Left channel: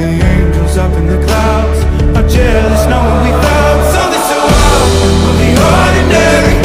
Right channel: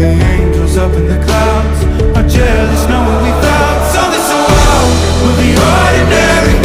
The angels up in the clouds are jealous knowing we found something so wild. We'll be ordinary,